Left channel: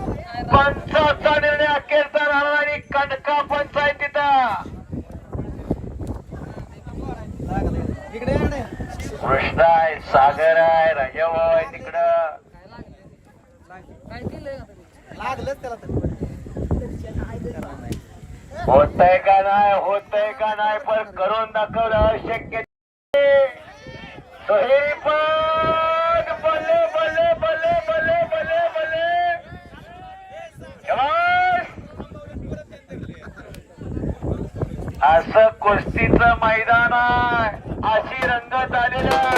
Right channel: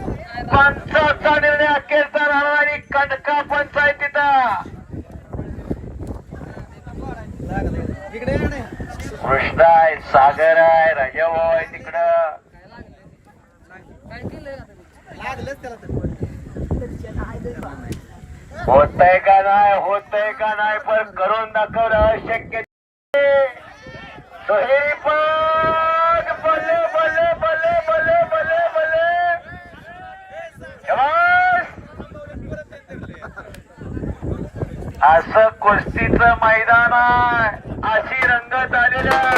पंचाचा निर्णय अखेरचा राहणार आणि कणका पंचायतीचा कृष्ण आहे सागर आहे राजाभाऊ आहे तिकडं. होतय का नाही होतय का नाही पण करून दाखवणं शक्य असं कुस्तीचं मैदान अशी रंगत आलेली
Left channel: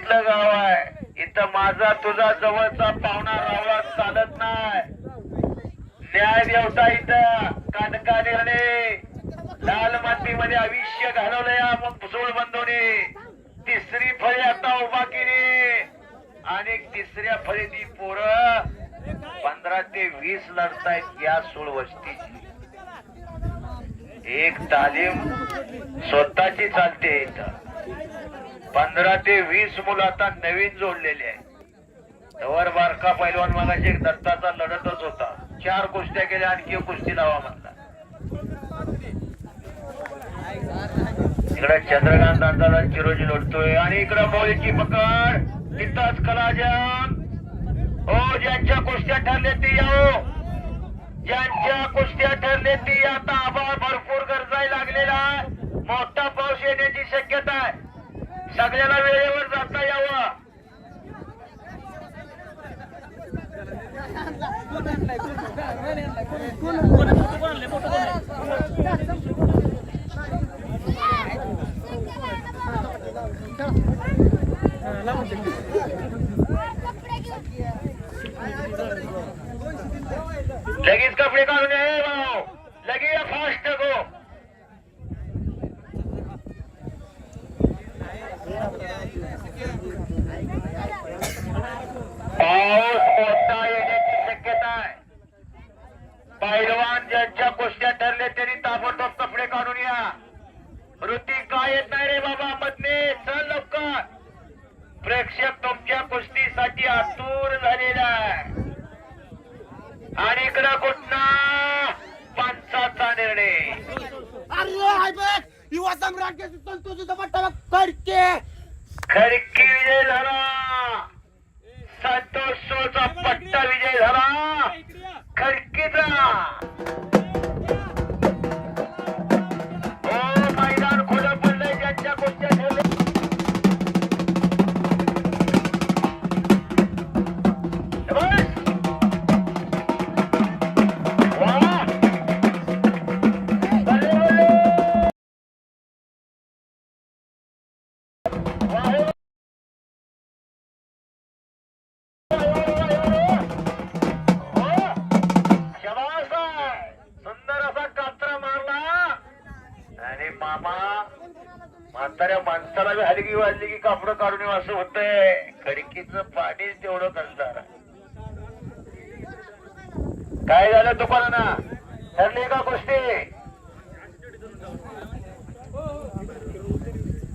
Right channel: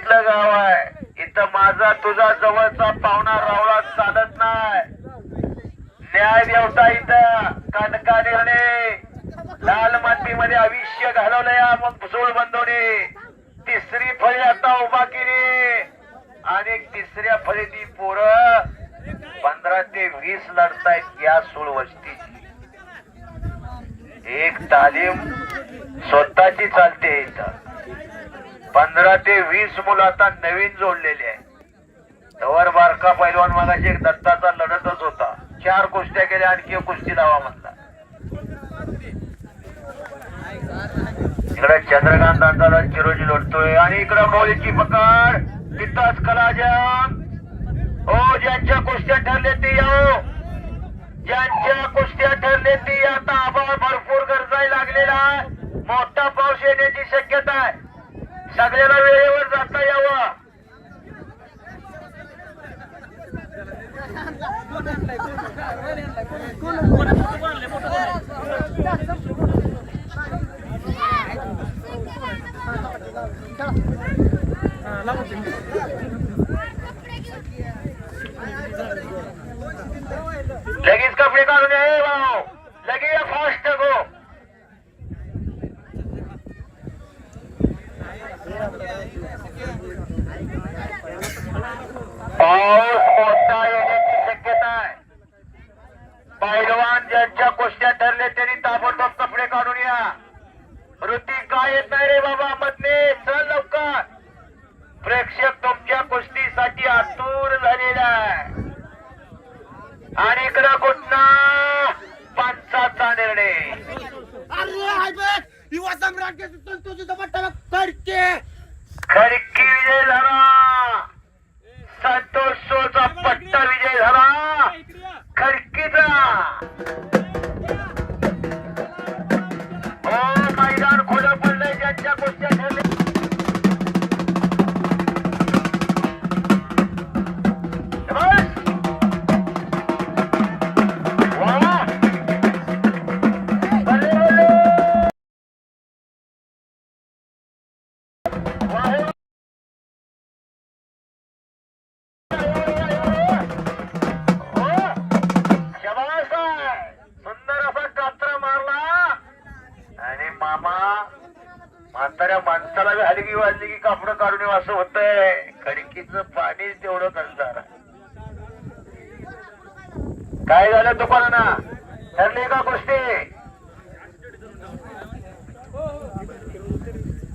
कुस्तीतलं गाव आहे. इथं माझा तुझा जवळचा पाहुणा रावळा चालत नाही. न्याय देवता इथं कनका निर्णय लाल मातीमध्ये आयुष्य घालवलं या मग सोळ बंधवणे तिसरी फळी आता उभा केली. आणि तिसऱ्या फळी ती पोरं पंधरा ते वीस लढतायत या सोळ वस्तीची. एक तालीम स्वतःची चालते इथं. पंधरा ते वीस मुलं आता नवीन जोडलेले आहे तवर बारका पैलवान मागाशी एक दत्ताचा लढतच होता. चार कुस्त्या केल्या आणखी एक कुस्ती लावा म्हणला इकडे चंद्रकांत दांडाला चिरोजी लढतोय आणि इकडे मौलीची पकड. तिथंच कलाजाम हो ज्यांच्या कुस्त्या ठरले ते याओ ज्यांच्या कुस्त्या ठरले ते आता आभाळ भरपूर गरजाय लागलेला आहे मोठा पाऊस येण्याची शक्यता आहे सगळ्याला દમ રાખે તો તું તો બટાવા કરકે काय झालं दुकाना ठरली का गोष्टी?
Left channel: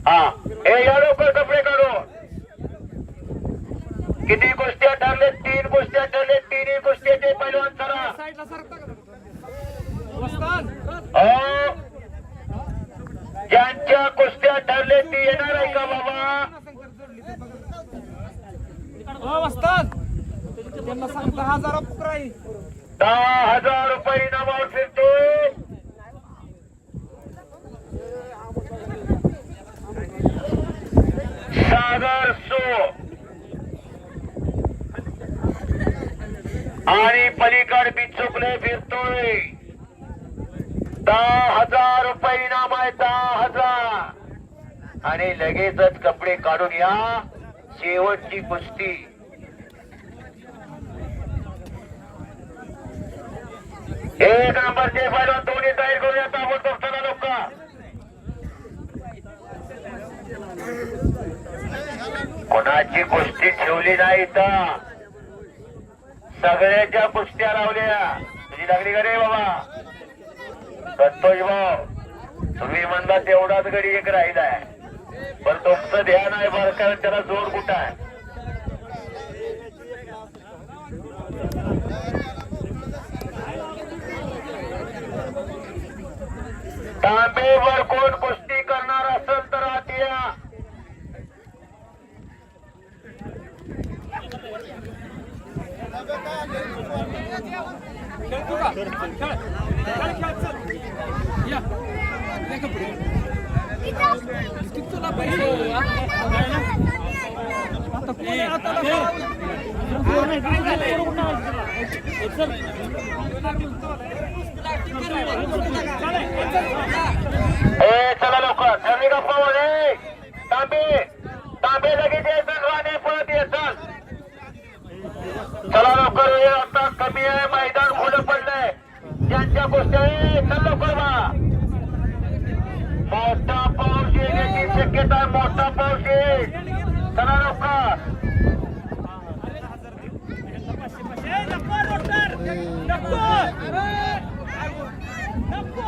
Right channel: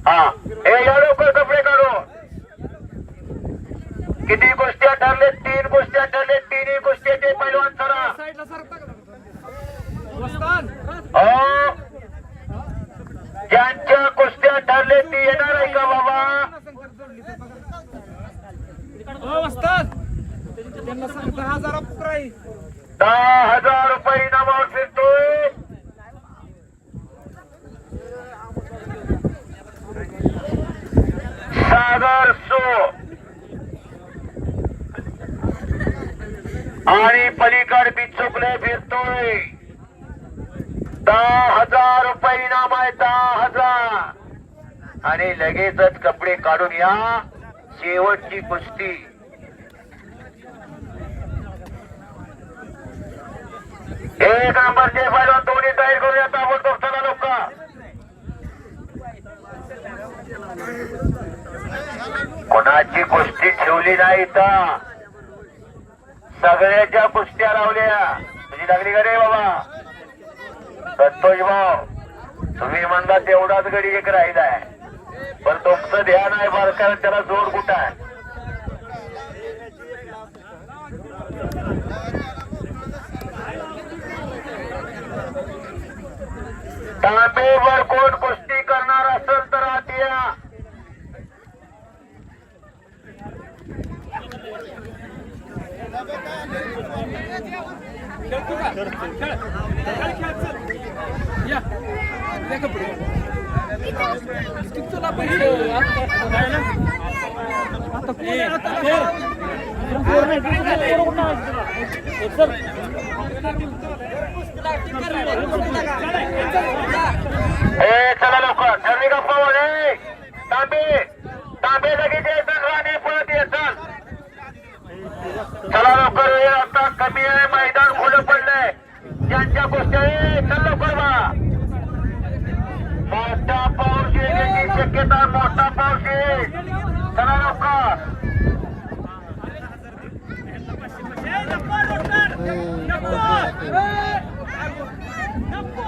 हा हे या लवकर कपडे काढू? किती गोष्टी ठरले? तीन गोष्टी ठरले तिन्ही गोष्टीचे पैलवान चला साईडला सरकता ज्यांच्या कुस्त्या ठरले ती येणार आहे का बाबा? हो, त्यांना सांगता दहा हजार पुकराई दहा हजार रुपये इनामावर फिरतोय. सागर सो आणि पलीकड बिचुकले फिरतोय. दहा हजार रुपये इनाम आहे दहा हजार. आणि लगेचच कपडे काढून या. शेवटची कुस्ती. एक नंबरचे पहिला दोन्ही तयार करूया ताबडतोब चला लोक कोणाची कुस्ती ठेवली नाही तर सगळ्याच्या कुस्त्या लावल्या. तुझी लागली का रे बाबा? संतोष भाऊ तुम्ही म्हणता तेवढाच गडी एक राहिलाय. पण तुमचं ध्यान आहे बरं कारण त्याला जोर कुठं आहे? तांबेवर कोण कुस्ती करणार असेल तर आत या तुला आता कोण चला लवकर. ठरली गप्पा मध्ये तांबे तांबे लगेच यायचं राणे पळत यायचं चला. लवकर वेळ आता कमी आहे मैदान खुलं पडलंय. ज्यांच्या गोष्टी आहे चल लवकर बा मोठा पाऊस येण्याची शक्यता आहे, मोठा पाऊस येईल चला लवकर कॅप्टनवाले फास्ट गो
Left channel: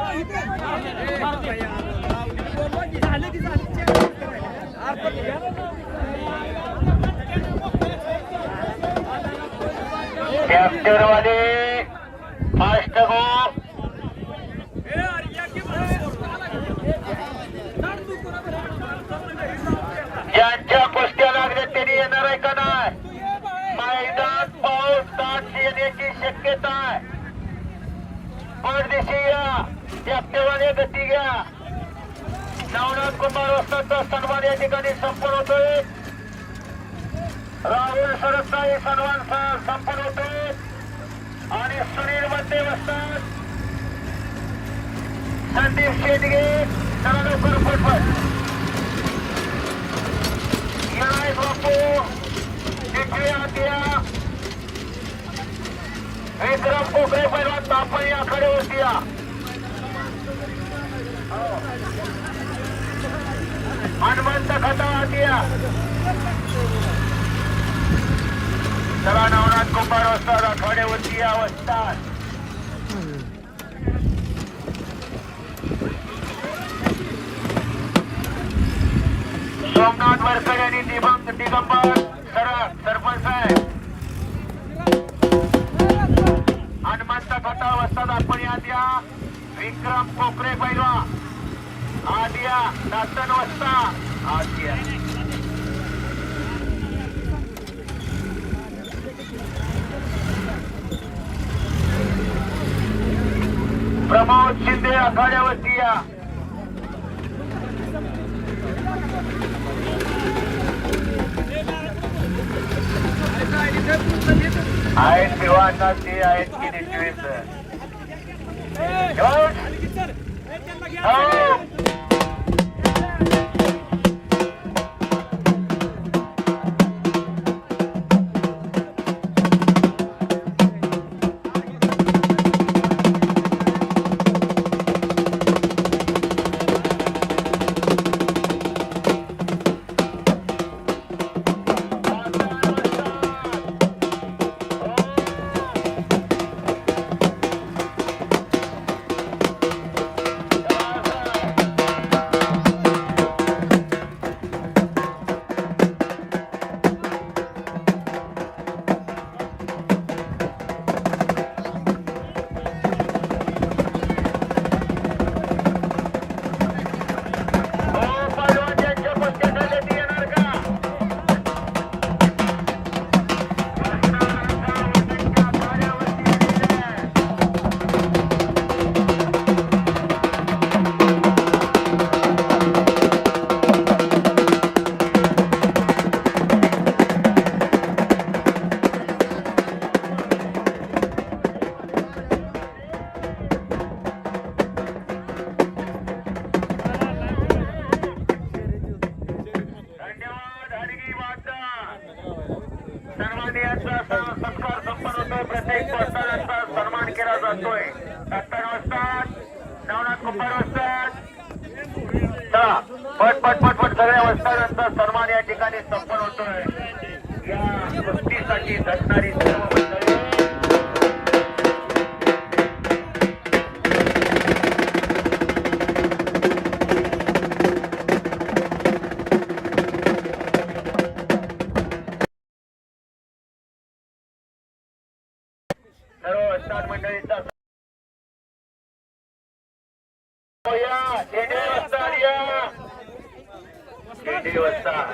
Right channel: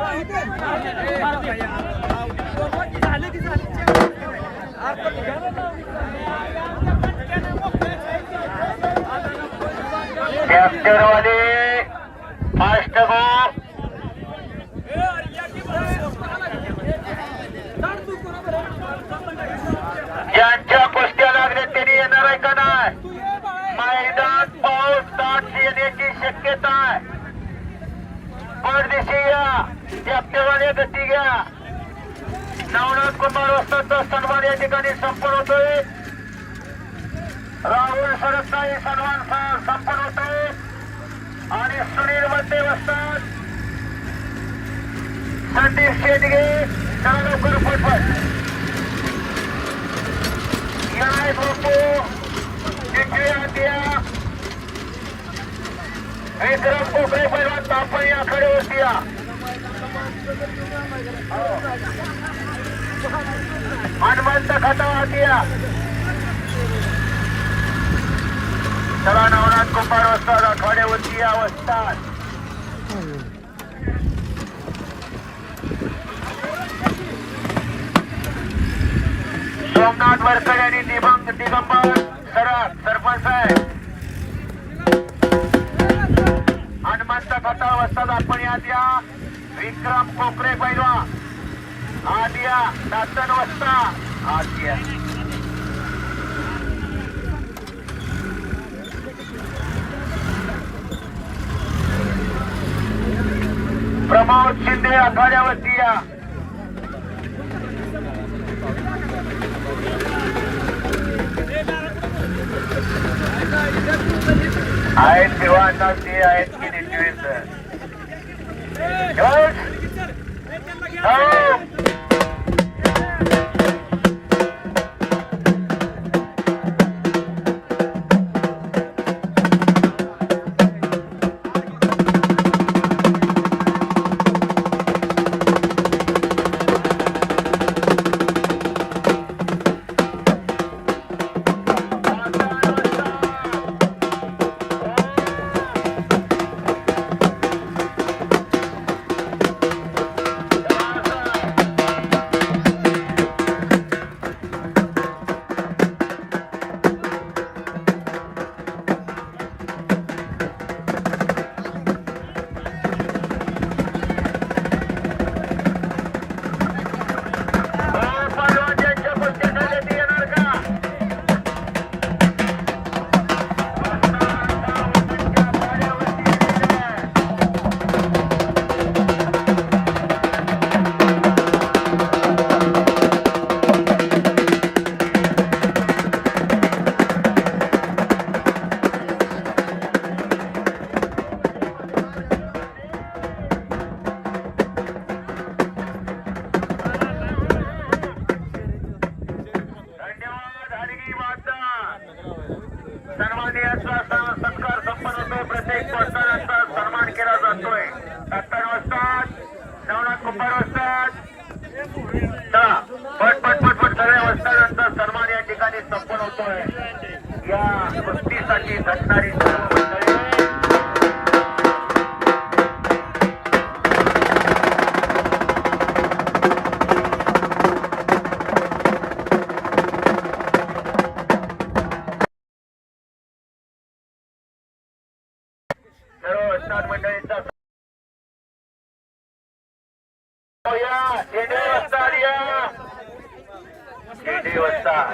ज्यांच्या कुस्त्या लागल्या त्यांनी येणार आहे का नाही? मैदान पाऊस ताट येण्याची शक्यता आहे. परदेशी या. कॅप्टनवाले गती घ्या. नवनाथ कुमार वस्ताचा सन्मान या ठिकाणी संपन्न होतोय. राहुल सरकारी सन्मान संपन्न होतोय. आणि सुनील मध्ये वस्तात संदीप शेटगे चला लवकर पटपट विक्रम पोकळे पहिला तापणी आखाडे या. हनुमंत खता किया.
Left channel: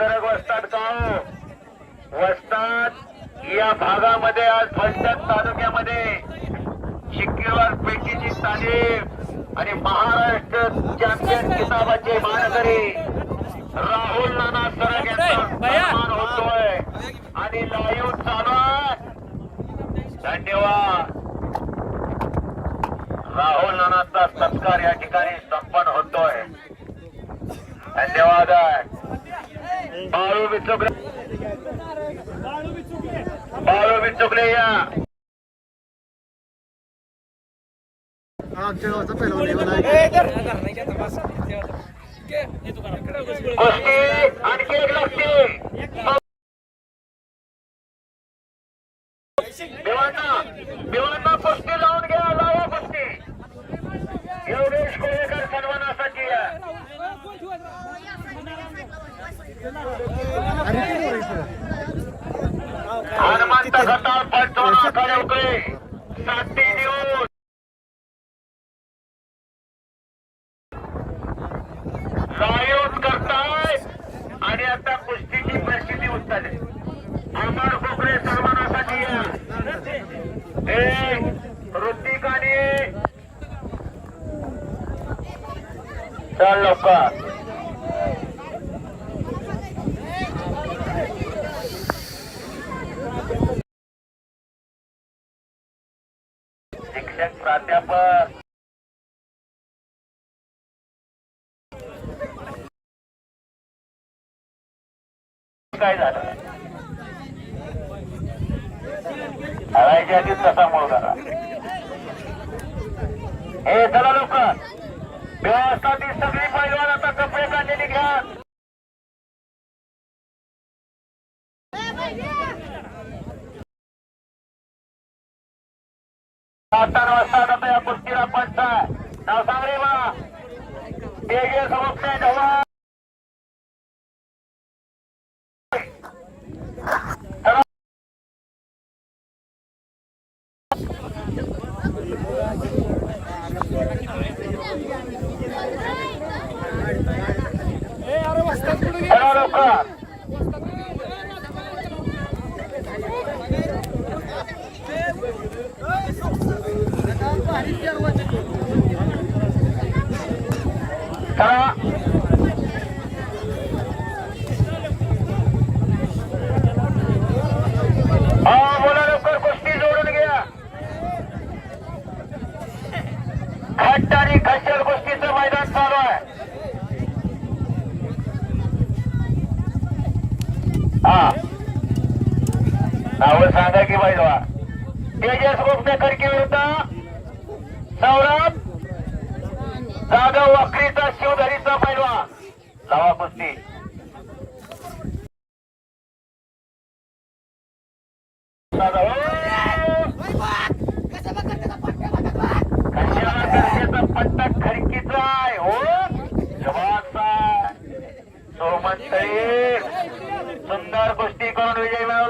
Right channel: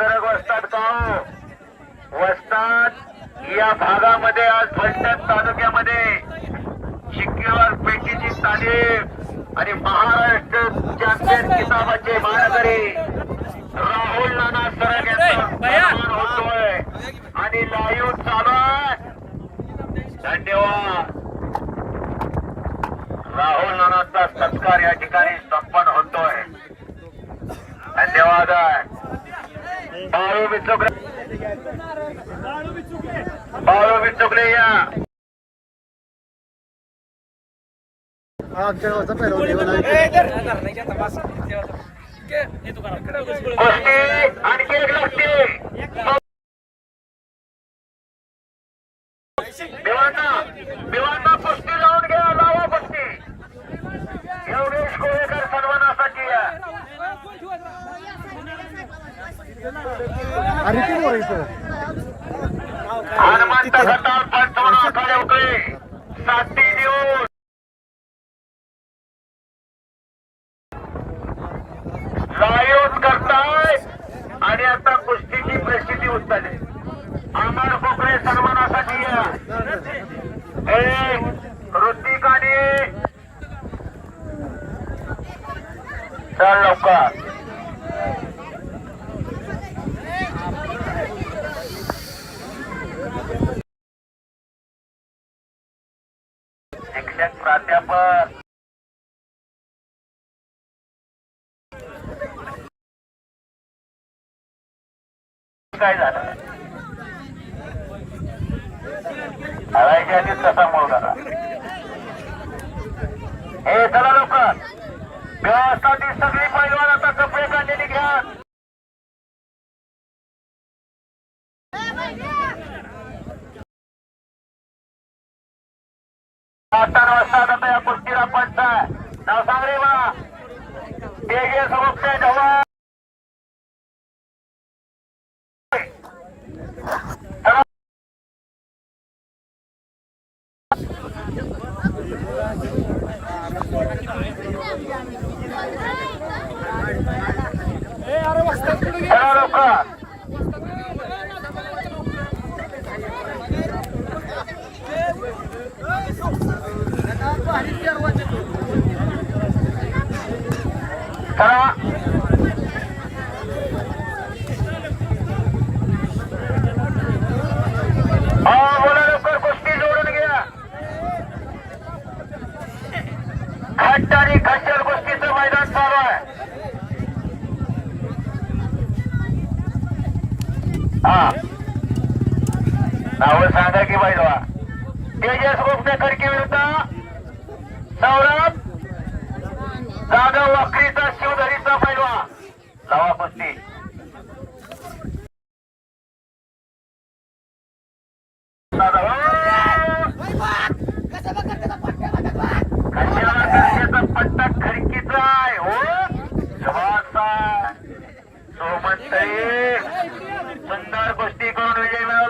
वितरक वस्तात का वस्तात या भागामध्ये आज फलटण तालुक्यामध्ये शिक्केवार पेटीची तालीम आणि महाराष्ट्र चॅम्पियन किताबाचे मानकरी राहुल नाना सरग यांचा 给了我三百 गोष्टीची परिस्थिती उत्तरली आमदार कोकरे सन्मानासाठी हे ऋतिकाने चल लोक DG Solution Jawa. नावं सांगा की बाई बाबा. तेजस गोपनेकरकी विरुद्ध सौरभ जाधव वखरीचा शिवधरीचा पैलवा. लावा कुस्ती. हो. हो. सुंदर कुस्ती करून विजय मिळवला.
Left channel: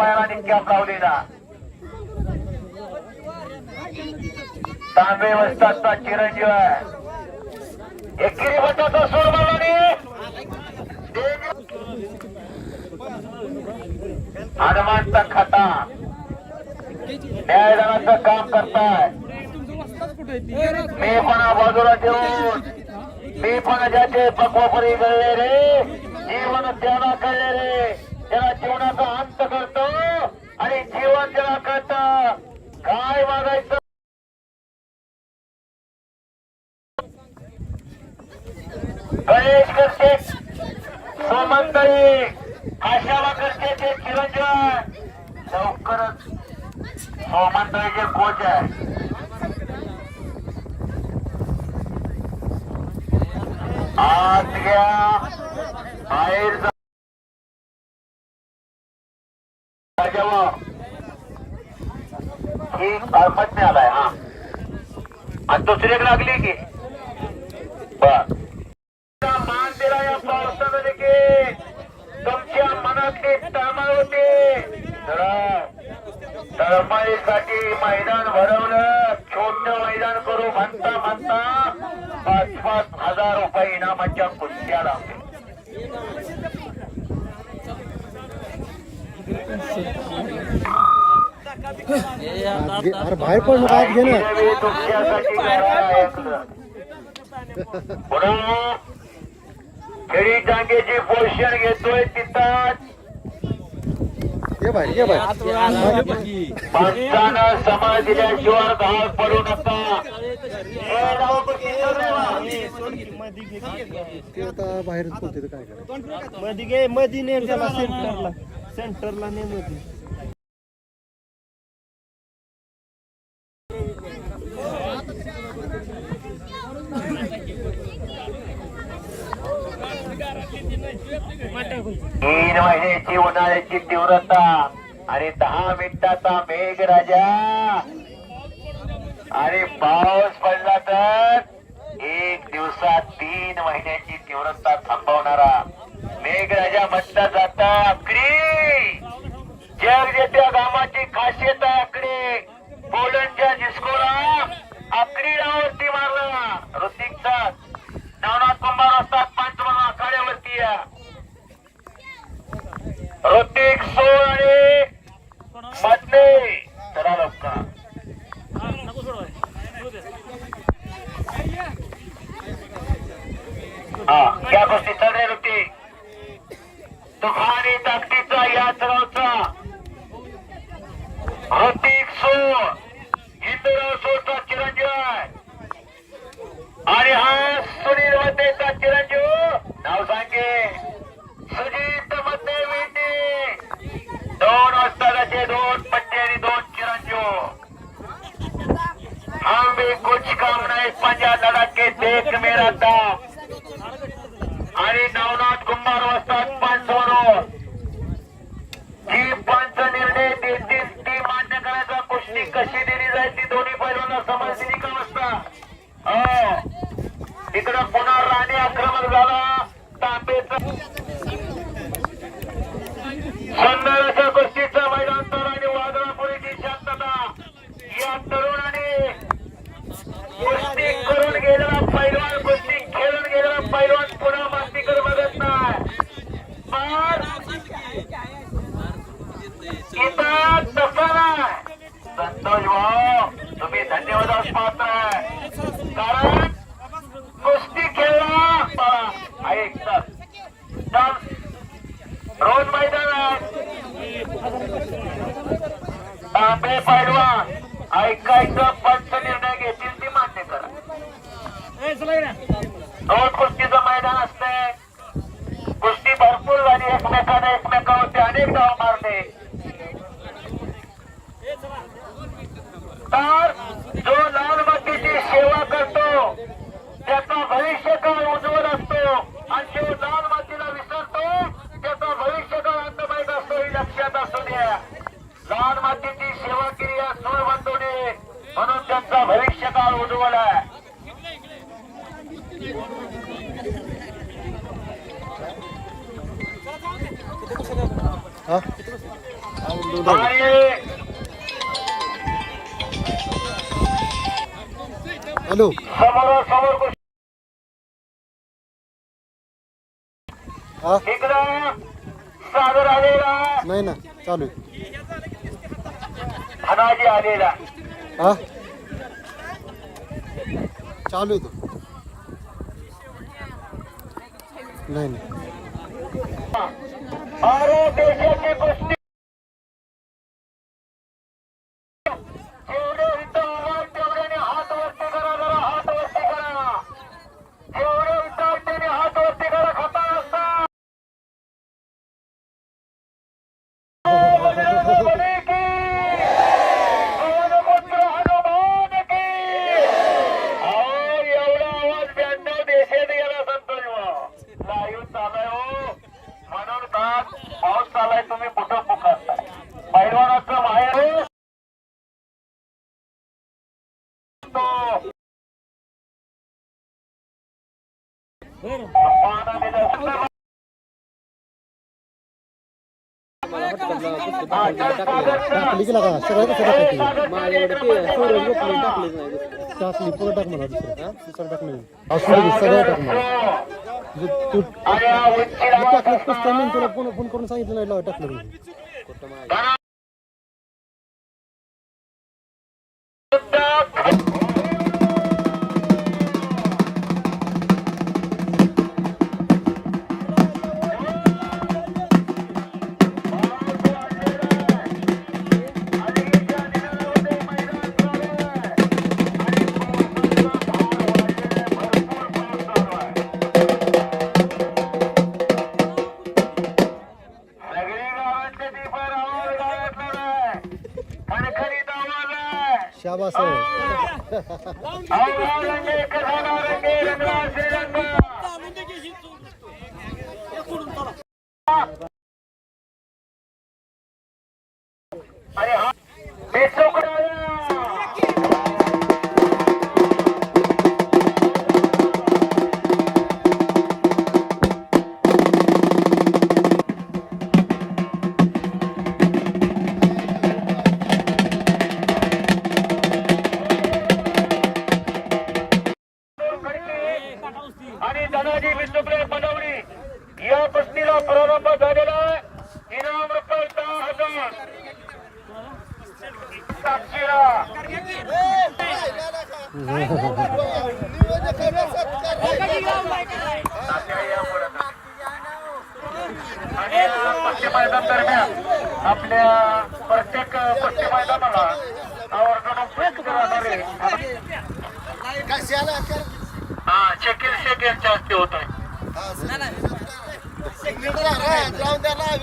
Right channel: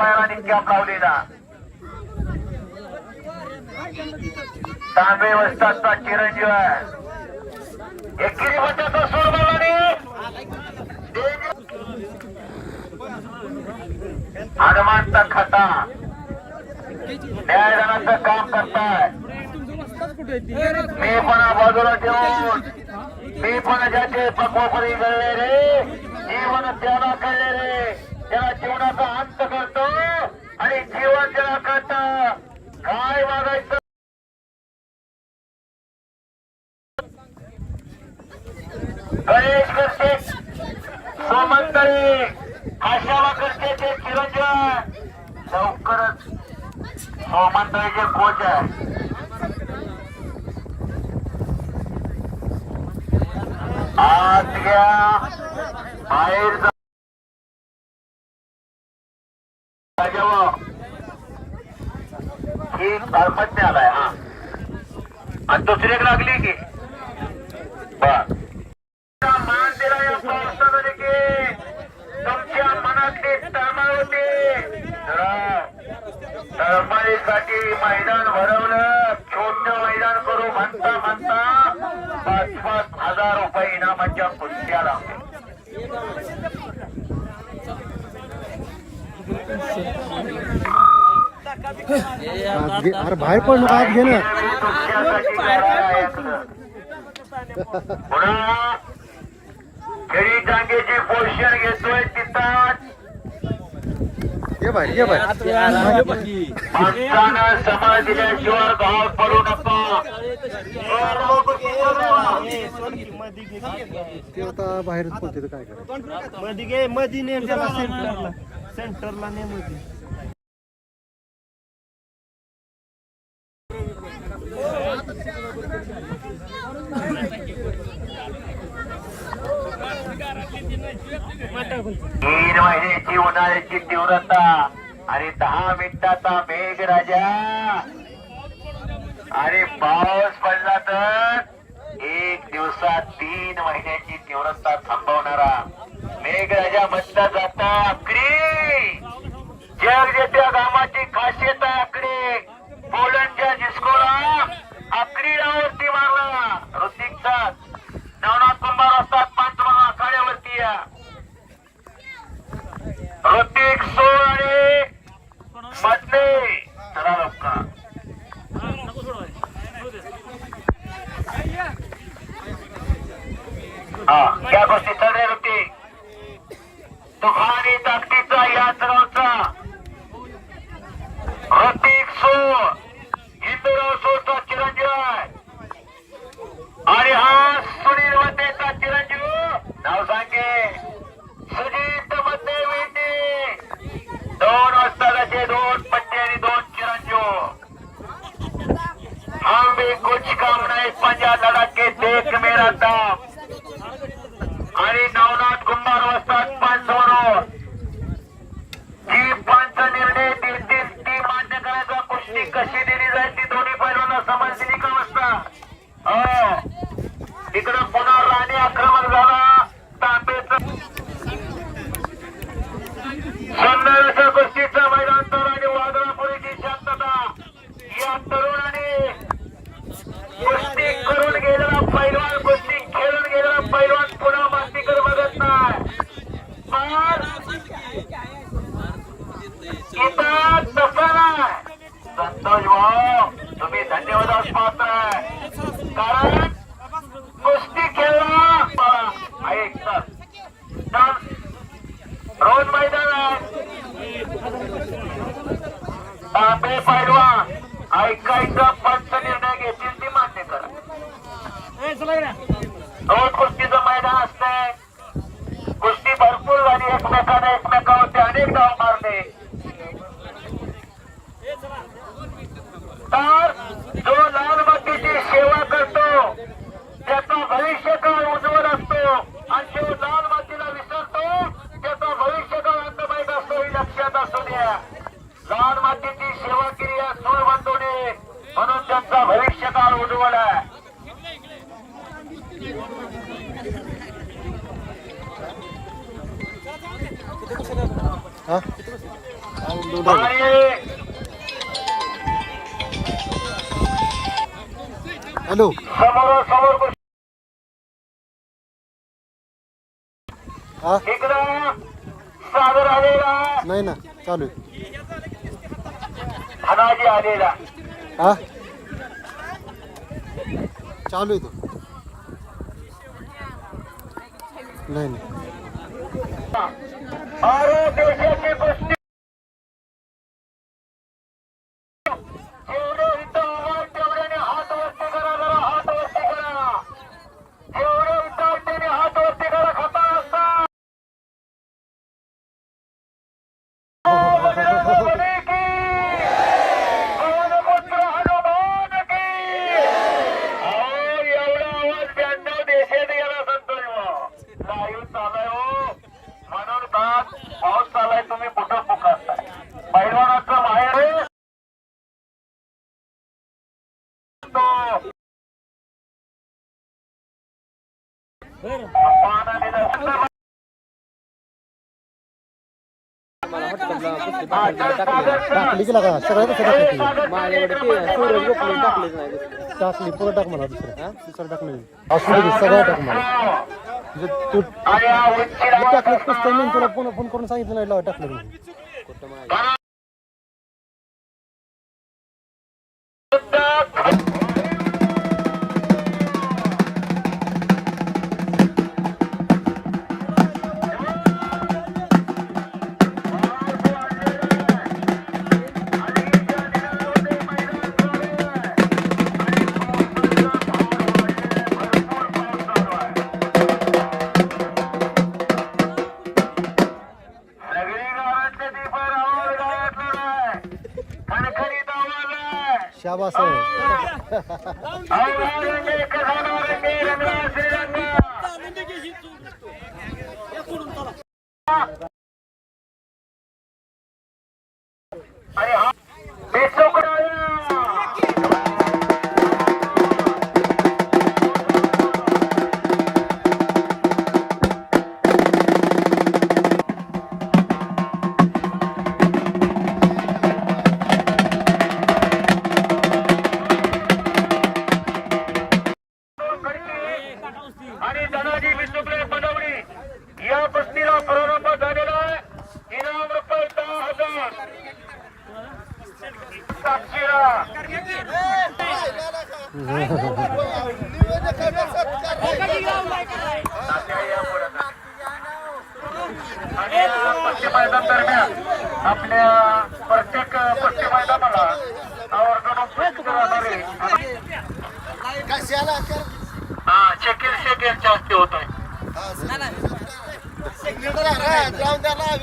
तांबे दोन्ही पायाला तांबे वस्ताचा चिरंजीव आहे. एकेरी वटाचा सोड बोलणे हनुमंत खाता. न्यायदानाचं काम करताय. मी पण बाजूला ठेवून मी पण ज्याचे पक्वपरी गळले रे जीवन त्याला कळले रे. त्याला जीवनाचा अंत करतो आणि जीवन त्याला कळत. काय मागायचं गणेश करते. सोमंतरी. आशावा करते ते चिरंजीव. लवकरच सोमंतरीचे कोच आहे. आज घ्या. बाहेर जा. ही आलाय हा. आणि दुसरी एक लागली की. बर. मान दिला या पावसामध्ये की तुमच्या मनातली तळमळ होती. तळमळीसाठी मैदान भरवलं छोटं मैदान करू म्हणता म्हणता पाच पाच हजार रुपये इनामाच्या कुस्त्या लावल्या अरे बाहेर पड आत घे ना खेळी जागेची पोषण घेतोय तिथं ये बाहेर ये बाहेर. दिल्याशिवाय पडू नका आता बाहेरच पडते काय करायचं? मध्ये घे मध्ये नेम त्याला सेंटरला सेंटरला नेममध्ये तीन महिन्याची उन्हाळ्याची तीव्रता. आणि दहा मिनिटाचा मेघ राजा. आणि पाऊस पडला तर एक दिवसात तीन महिन्याची तीव्रता थांबवणारा. मेघराजा म्हटला चालू आहे. हा? चालू आहे तो. नाही नाही. टाकली की लागा कसं टाकायची टाकली. पुरं टाक मला दुसरं दुसरं टाक नवीन असू दे सगळं टाक मला तू टाकलं तुला पुन्हा फोन करून सांगितलं नाही लावा टाकलं याला हा शकील शेख यांच्या हस्ते होत आहे जाऊन द्या ना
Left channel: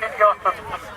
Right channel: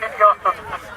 विद्युत